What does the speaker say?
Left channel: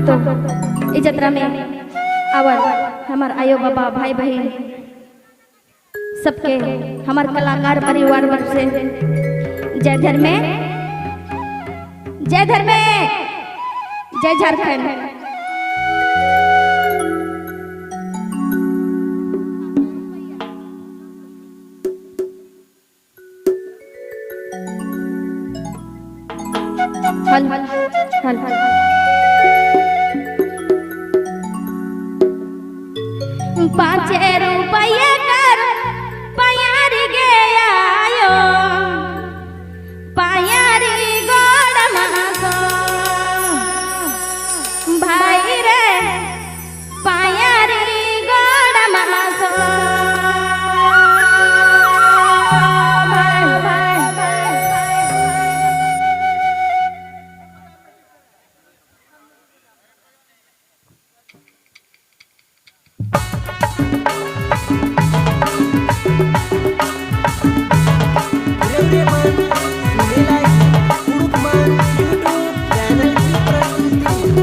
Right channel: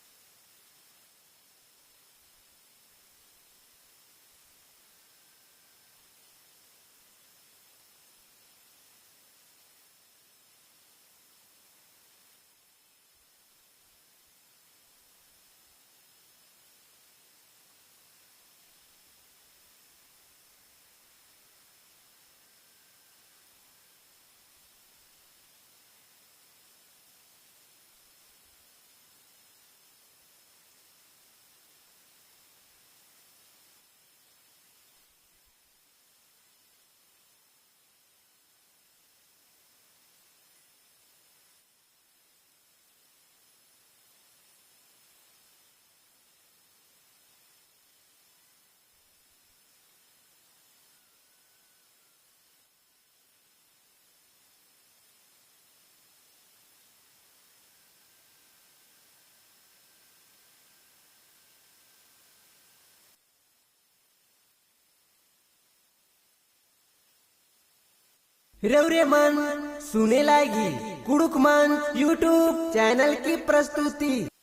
हाँ तो इस जत्रा में आवर हमार आयो बाबा भाई बहन सबके हमार कलाकार परिवार वर्ग से जय धर्म जय धर्म जय झारखंड। हल हल हल हल पाँच रुपये कर पयारी गयो पयारी गोड़ मासो भाई रे पयारी गोड़ मासो मन सुने लागी कुड़ुक मन यूट्यूब चैनल की प्रस्तुति।